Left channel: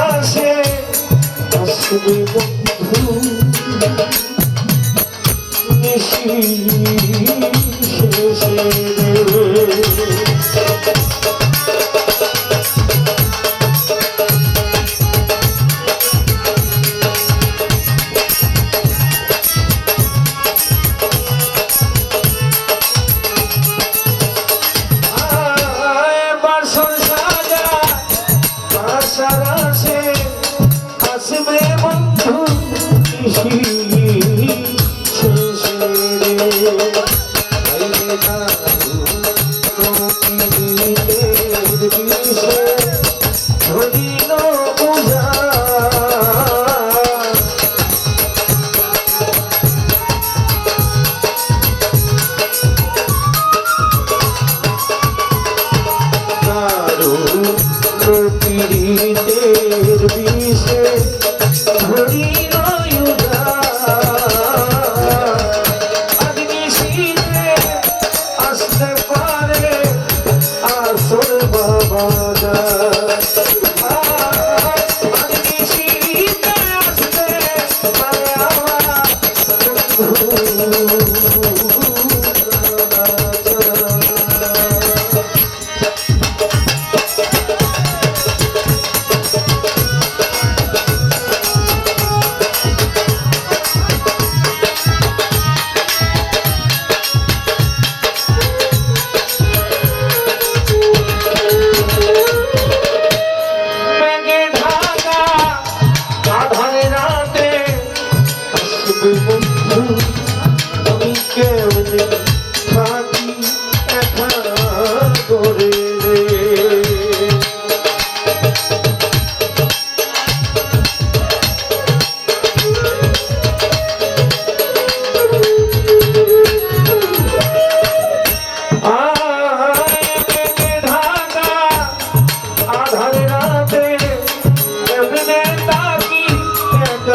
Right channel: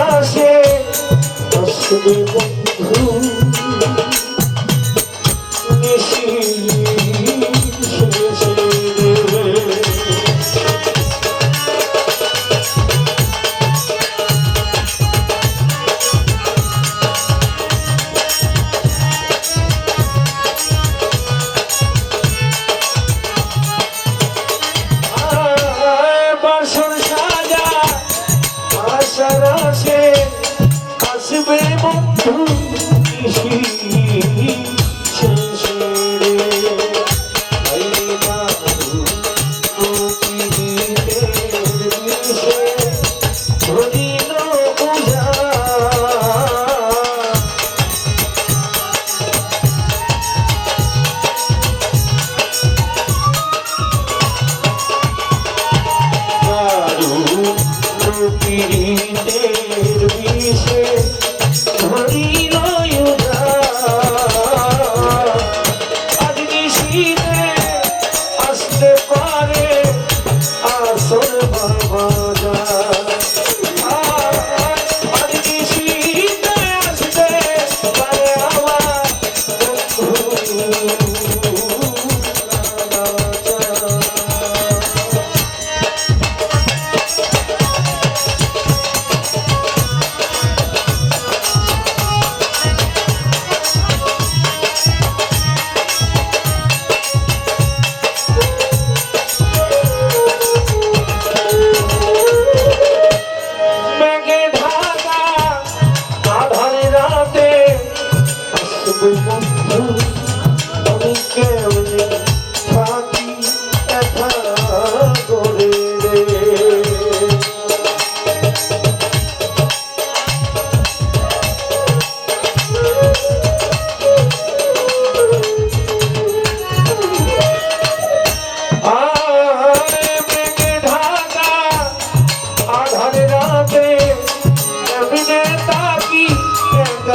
আসে আসবে বন্ধু নিশি আশার আসে আসবে বন্ধু শেষে রে না